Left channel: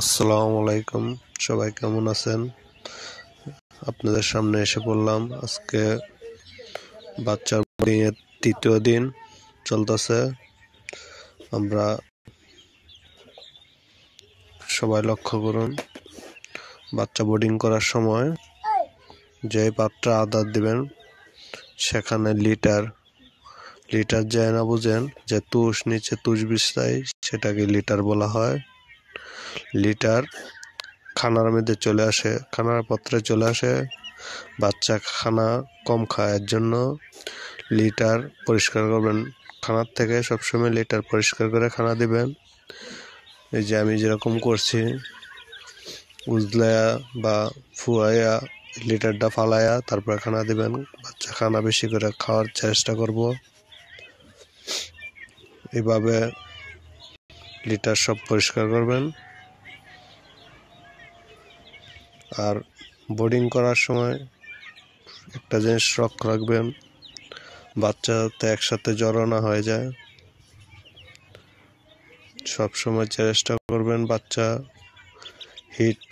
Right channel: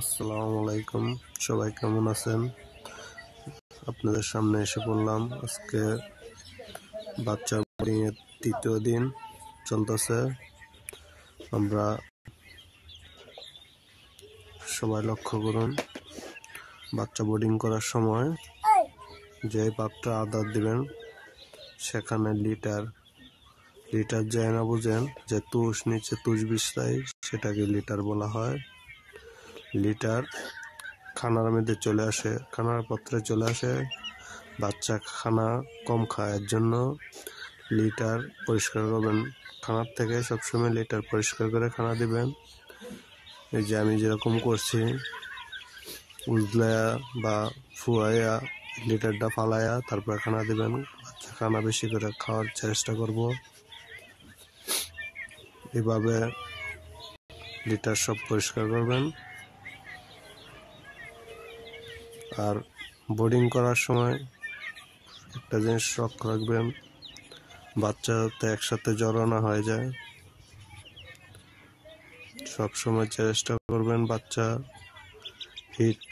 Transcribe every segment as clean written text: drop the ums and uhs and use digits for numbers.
আসসালামু আলাইকুম, সবাই কেমন আছেন? আপনাদের সামনে এসে পড়লাম। আজকে বাচ্চার বোর্ডিং এর তৃতীয় দিন চলতেছে। আমরা সবাই লক্ষ্য করুন, বাচ্চা বোর্ডিং করার সময় যে পাত্রে আদর দিবেন সেখানে লিটার যায় না, বুঝেন যে তুষ নিচে তুষ বিছাই সেটাকে লিটার বলা হয়। লিটার খানার মধ্যে চলে আসে, খানার পাত্রে চলে আসে, বাচ্চা খানা কম খায়, এর জন্য লিটার পরিষ্কার করবেন। খানার থেকে সবসময় লিটার পরিষ্কার করে খানা দিবেন। এই যে আমি যেরকম করছি, উজলায়া বা ফুয়াইয়া লিটারটা ফালাইয়া তারপর খানা দিবেন। বাচ্চা খানা বেশি করে খাওয়ার চেষ্টা করব। এইভাবে লিটার সব পরিষ্কার করবেন। আর বোর্ডিং করার সময় একটা জিনিস লক্ষ্য রাখবেন, বাচ্চা যাতে একসাথে জড়ো না হয়ে যায়। সবসময় চেষ্টা করবেন বাচ্চা হিট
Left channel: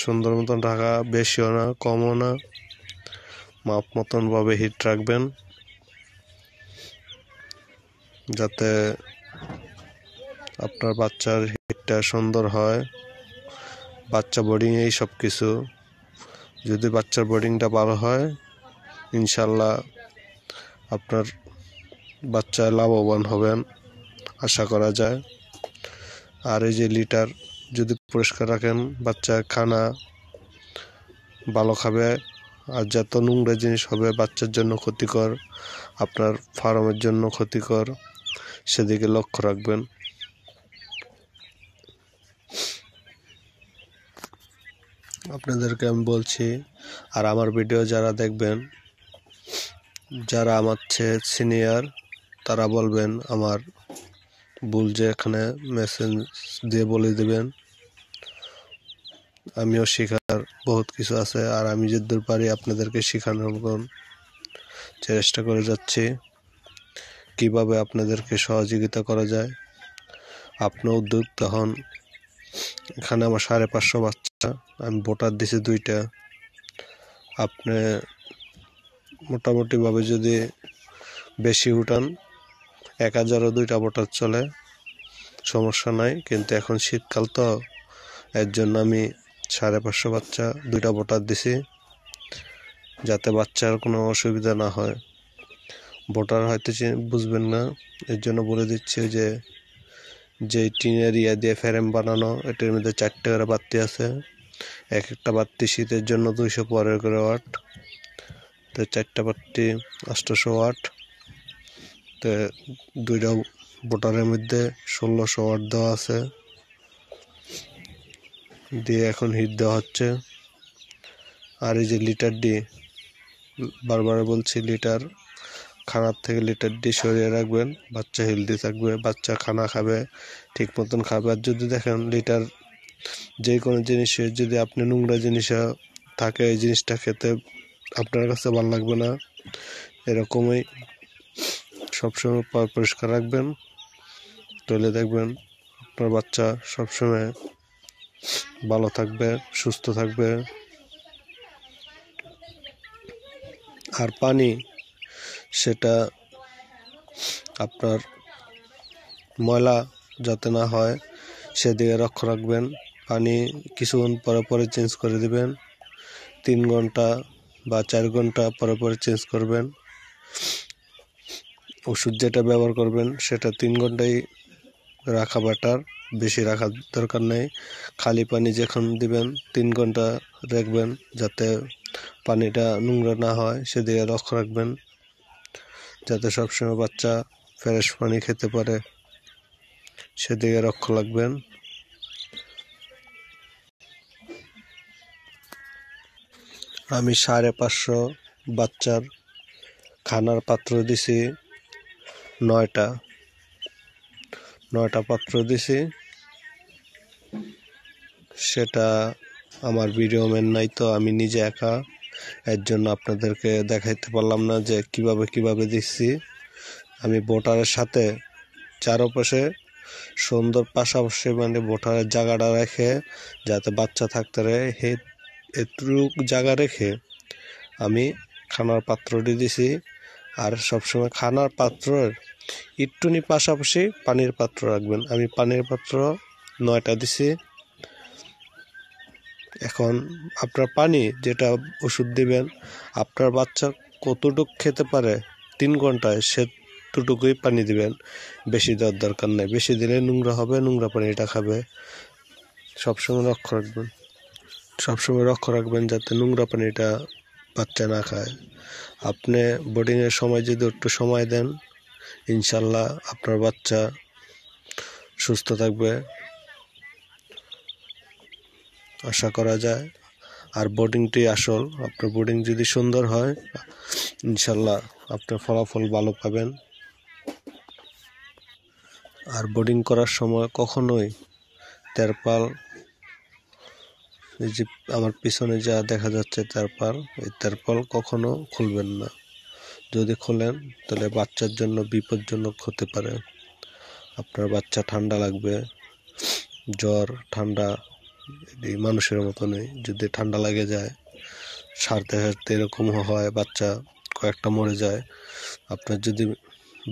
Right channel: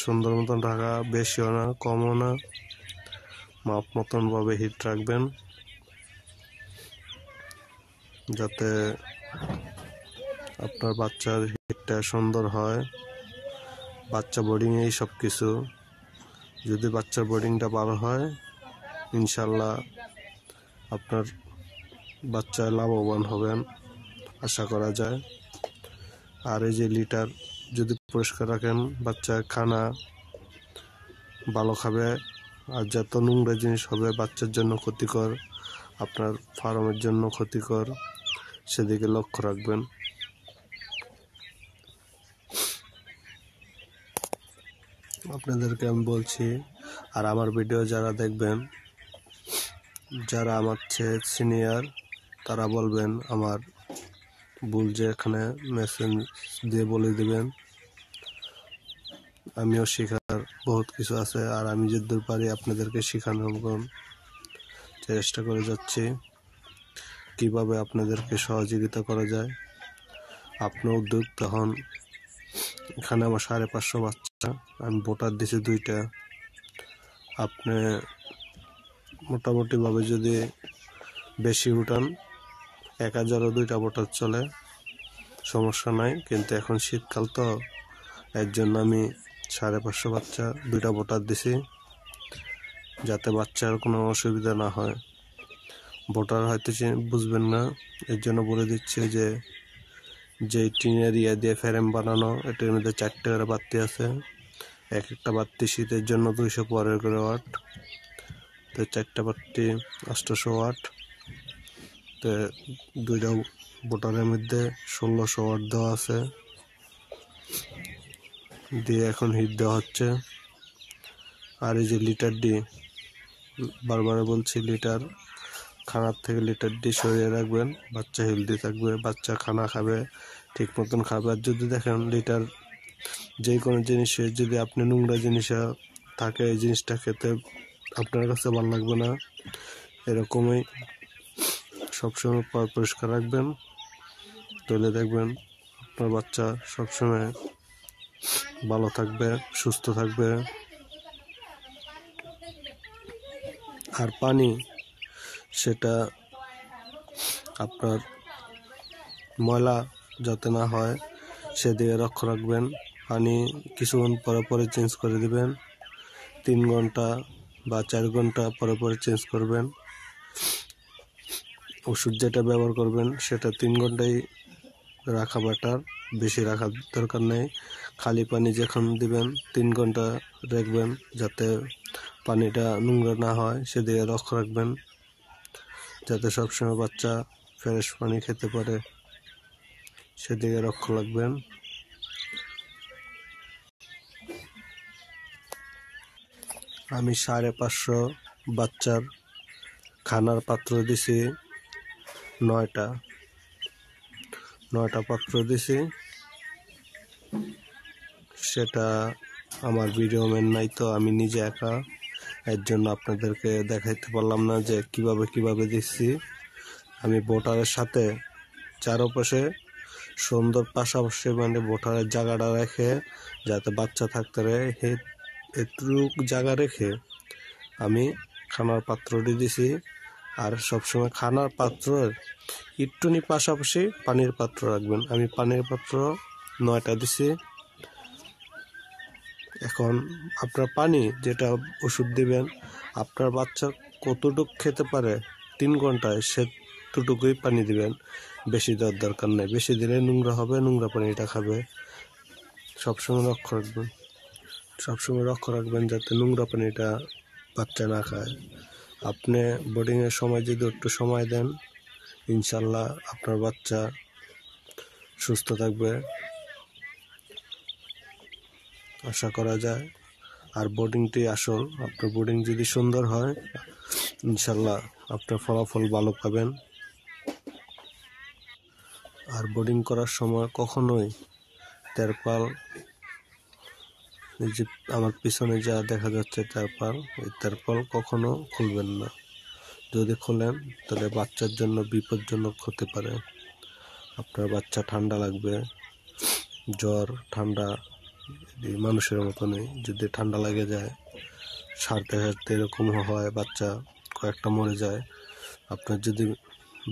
সুন্দর মতন রাখা, বেশিও না কমও না, মাপ মতন ভাবে হিট রাখবেন যাতে আপনার বাচ্চার হিটটা সুন্দর হয়। বাচ্চা বোর্ডিংয়েই সব কিছু। যদি বাচ্চার বোর্ডিংটা ভালো হয়, ইনশাল্লাহ আপনার বাচ্চা লাভবান হবেন আশা করা যায়। আর এই যে লিটার যদি পরিষ্কার রাখেন, বাচ্চা খানা ভালো খাবে। আর যত নোংরা জিনিস হবে বাচ্চার জন্য ক্ষতিকর, আপনার ফার্মের জন্য ক্ষতিকর, সেদিকে লক্ষ্য রাখবেন। আপনাদেরকে আমি বলছি, আর আমার ভিডিও যারা দেখবেন, যারা আমার চেয়ে সিনিয়র, তারা বলবেন আমার ভুল যে এখানে মেসেজ দিয়ে বলে দেবেন। আমিও শেখার বহুত কিছু আছে, আর আমি যতদূর পারি আপনাদেরকে শেখানোর চেষ্টা করে যাচ্ছি, কিভাবে আপনাদেরকে সহযোগিতা করা যায়। আপনার উদ্যোগ তখন এখানে আমার 550 বাচ্চা, আমি বোটার দিছি 2টা। আপনি মোটামুটিভাবে যদি বেশি উঠান, 1000ও 2টা বোটার চলে, সমস্যা নাই। কিন্তু এখন শীতকাল তো, এর জন্য আমি 550 বাচ্চা 2টা বোটার দিছি, যাতে বাচ্চার কোনো অসুবিধা না হয়। বোটার হয়তো বুঝবেন না, এর জন্য বলে দিচ্ছি যে টিনের দিয়ে ফ্রেম বানানো, এটার মধ্যে 4টা করে বাতি আছে। এক একটা বাতি শীতের জন্য 215 করে ওয়াট, তো 4টা বাতি 800 ওয়াট। তো 2টা বোটারের মধ্যে 1600 ওয়াট দেওয়া আছে, দিয়ে এখন হিট দেওয়া হচ্ছে। আর এই যে লিটার ডি, বারবার বলছি, লিটার খানার থেকে লিটার ডি সরিয়ে রাখবেন, বাচ্চা হেলদি থাকবে, বাচ্চা খানা খাবে, ঠিক মতন খাবে। আর যদি দেখেন লিটার যে কোনো জিনিসে যদি আপনি নোংরা জিনিস থাকে, এই জিনিসটা খেতে আপনার কাছে ভালো লাগবে না। এরকমই সবসময় পরিষ্কার রাখবেন, তাহলে দেখবেন আপনার বাচ্চা সবসময় ভালো থাকবে, সুস্থ থাকবে। আর পানি, সেটা আপনার ময়লা যাতে না হয় সেদিকে লক্ষ্য রাখবেন। পানি কিছুক্ষণ পরে পরে চেঞ্জ করে দিবেন, 3 ঘন্টা বা 4 ঘন্টা পরে পরে চেঞ্জ করবেন। ওষুধ যেটা ব্যবহার করবেন সেটা 3 ঘন্টাই রাখা বেটার, বেশি রাখার দরকার নেই। খালি পানি যখন দিবেন 3 ঘন্টা রাখবেন, যাতে পানিটা নোংরা না হয় সেদিকে লক্ষ্য রাখবেন, যাতে সবসময় বাচ্চা ফ্রেশ পানি খেতে পারে, সেদিকে লক্ষ্য রাখবেন। আমি 550 বাচ্চার খানার পাত্র দিছি 9টা পাত্র দিছি। সেটা আমার ভিডিও ম্যান নাই তো, আমি নিজে একা, এর জন্য আপনাদেরকে দেখাইতে পারলাম না যে কিভাবে দিচ্ছি। আমি বোটারের সাথে চারপাশে সুন্দর পাশাপাশি মানে বোটার জায়গাটা রেখে যাতে বাচ্চা থাকতে পারে এটুক জায়গা রেখে আমি খানার পাত্রটি দিছি। আর সবসময় খানার পাত্রের একটুনি পাশাপাশি পানির পাত্র রাখবেন। আমি পানির পাত্র 9টা দিছি। এখন আপনার পানি যেটা ওষুধ দিবেন, আপনার বাচ্চা কতটুকু খেতে পারে 3 ঘন্টায় সেটুকুই পানি দিবেন, বেশি দেওয়ার দরকার নেই। বেশি দিলে নোংরা হবে, নোংরা পানিটা খাবে। সবসময় লক্ষ্য রাখবেন যাতে নোংরা পানিটা বাচ্চা না খায়। আপনি বোর্ডিংয়ের সময় যদি একটু সময় দেন, ইনশাল্লাহ আপনার বাচ্চা সুস্থ থাকবে আশা করা যায়। আর বোর্ডিংটি আসল, আপনার বোর্ডিং যদি সুন্দর হয় ইনশাল্লাহ আপনার ফলাফল ভালো পাবেন। আর বোর্ডিং করার সময় কখনোই তেরপাল, এই যে আমার পিছনে যা দেখা যাচ্ছে তেরপাল, এই তেরপাল কখনো খুলবেন না। যদি খোলেন তাহলে বাচ্চার জন্য বিপজ্জনক হতে পারে। আপনার বাচ্চা ঠান্ডা লাগবে, জ্বর ঠান্ডা এই মানুষের মতনই যদি ঠান্ডা লাগে যায়, সারতে সারতে এরকম হয়, বাচ্চা কয়েকটা মরে যায়। আপনার যদি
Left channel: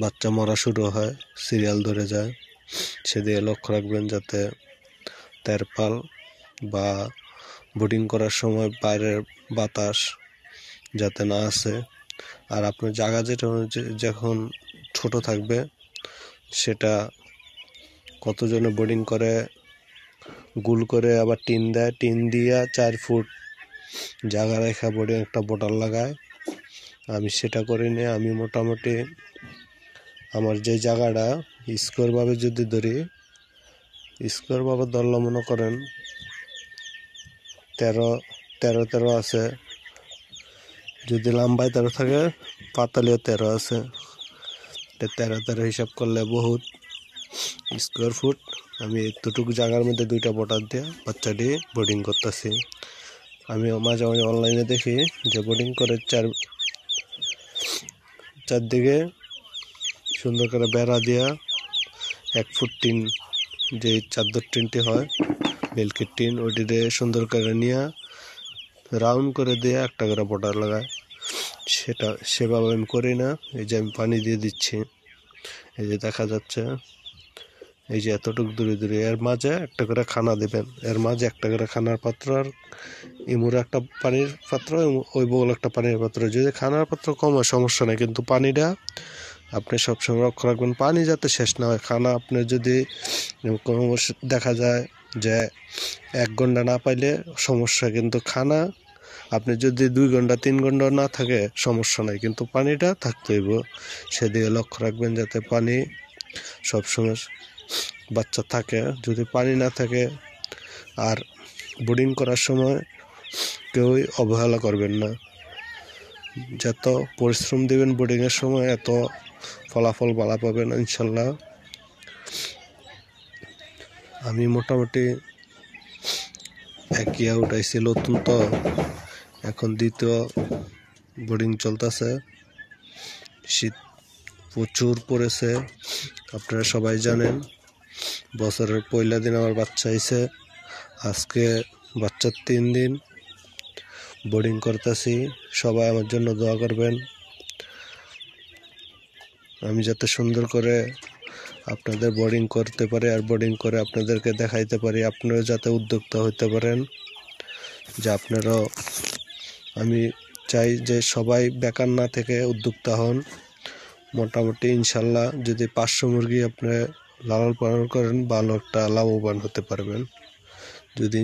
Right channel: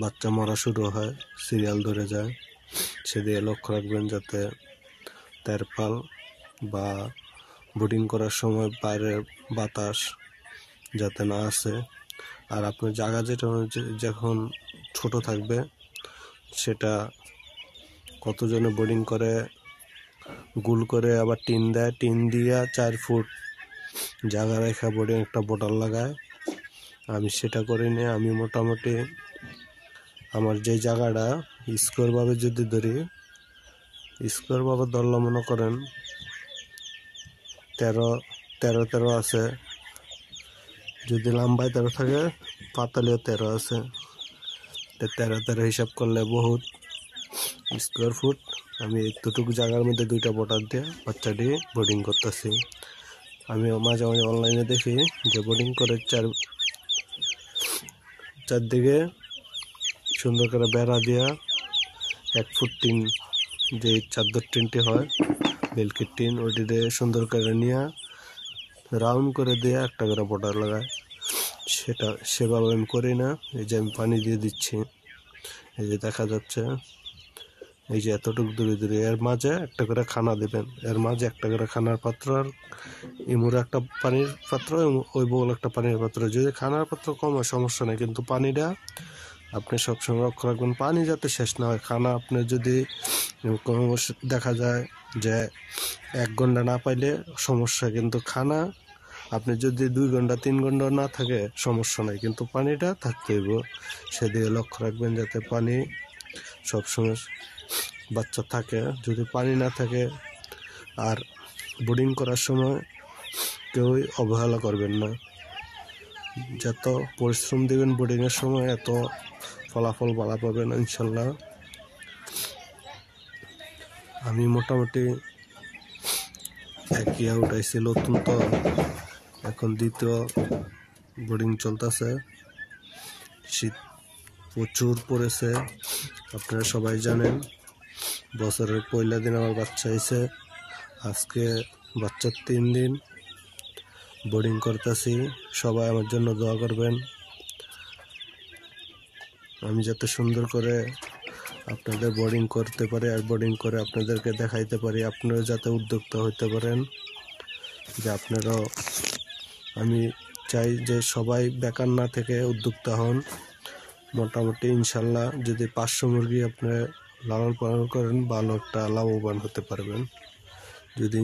বাচ্চা মরা শুরু হয়, সিরিয়াল ধরে যায়, সেদিকে লক্ষ্য রাখবেন যাতে তেরপাল বা বোর্ডিং করার সময় বাইরের বাতাস যাতে না আসে। আর আপনার জায়গা যেটা যখন ছোট থাকবে, সেটা কতজনে বোর্ডিং করে গুল করে আবার টিন দেয়, টিন দিয়া 4 ফুট জায়গা রেখা বোর্ডিং একটা বোটাল লাগায়। আমি সেটা করিনি। আমি মোটামুটি আমার যে জায়গাটা স্কোয়ারভাবে যদি ধরি, স্কোয়ারভাবে ধরলে মনে করেন 13 আছে। যদি লম্বায় 13 থাকে, পাতালেও 13 আছে। 13 হিসাব করলে বহুত স্কোয়ার ফুট। আমি এতটুকু জায়গার মধ্যে 2টা বোটার দিয়ে বাচ্চাটি বোর্ডিং করতেছি। আমি মাঝে মাঝে অনলাইনে দেখি যে বোর্ডিং করে চারদিকে সুন্দর করে বেড়া দিয়া 1 ফুট টিন, যে চাদর টিনটি হয় বেলকির টিন, ওইটিতে সুন্দর করে নিয়ে রাউন্ড করে দিয়ে একটা করে বোটার লাগায়। সেভাবে আমি করি না। এই যে আমি পানি দিয়ে দিচ্ছি, এই যে দেখা যাচ্ছে, এই যে এতটুকু দূরে দূরে, এর মাঝে একটা করে খানা দেবেন, এর মাঝে একটা করে খানার পাত্র, আর ইমুরে একটা পানির পাত্র, ওই বগল একটা পানির পাত্র। যদি খানার পাত্র কম হয় সমস্যা নেই, কিন্তু পানিটা আপনি সবসময় লক্ষ্য রাখবেন পানি যাতে শেষ না হয়। খানা আপনি যদি কোনো দেখা যায় যে 1 ঘন্টা না পাইলে সমস্যা, কিন্তু খানা আপনি যদি 2 ঘন্টা 3 ঘন্টা না থাকে সমস্যা নাই, কিন্তু পানিটা থাকতে হইব। সেদিকে লক্ষ্য রাখবেন যাতে পানি সবসময় বাচ্চা থাকে। যদি পানি না থাকে, আর বোর্ডিং করার সময় কেউই অবহেলা করবেন না। যত পরিশ্রম দেবেন বোর্ডিংয়ের সময়, এত ফলাফল ভালো পাবেন ইনশাল্লাহ। আমি মোটামুটি 1 ইয়া উঠাইছি, নতুন তো এখন 2য় বোর্ডিং চলতেছে। শীত প্রচুর পড়েছে, আপনারা সবাই জানেন। বছরের পয়লা দিন আমার বাচ্চা হয়েছে, আজকে বাচ্চার 3 দিন বোর্ডিং করতেছি। সবাই আমার জন্য দোয়া করবেন, আমি যাতে সুন্দর করে আপনাদের বোর্ডিং করতে পারি, আর বোর্ডিং করে আপনাদেরকে দেখাইতে পারি। আপনারা যাতে উদ্যোক্তা হতে পারেন, যে আপনারাও, আমি চাই যে সবাই বেকার না থেকে উদ্যোক্তা হন। মোটামুটি ইনশাল্লাহ যদি 500 মুরগি আপনি লালন পালন করেন, ভালো একটা লাভবান হতে পারবেন। যদি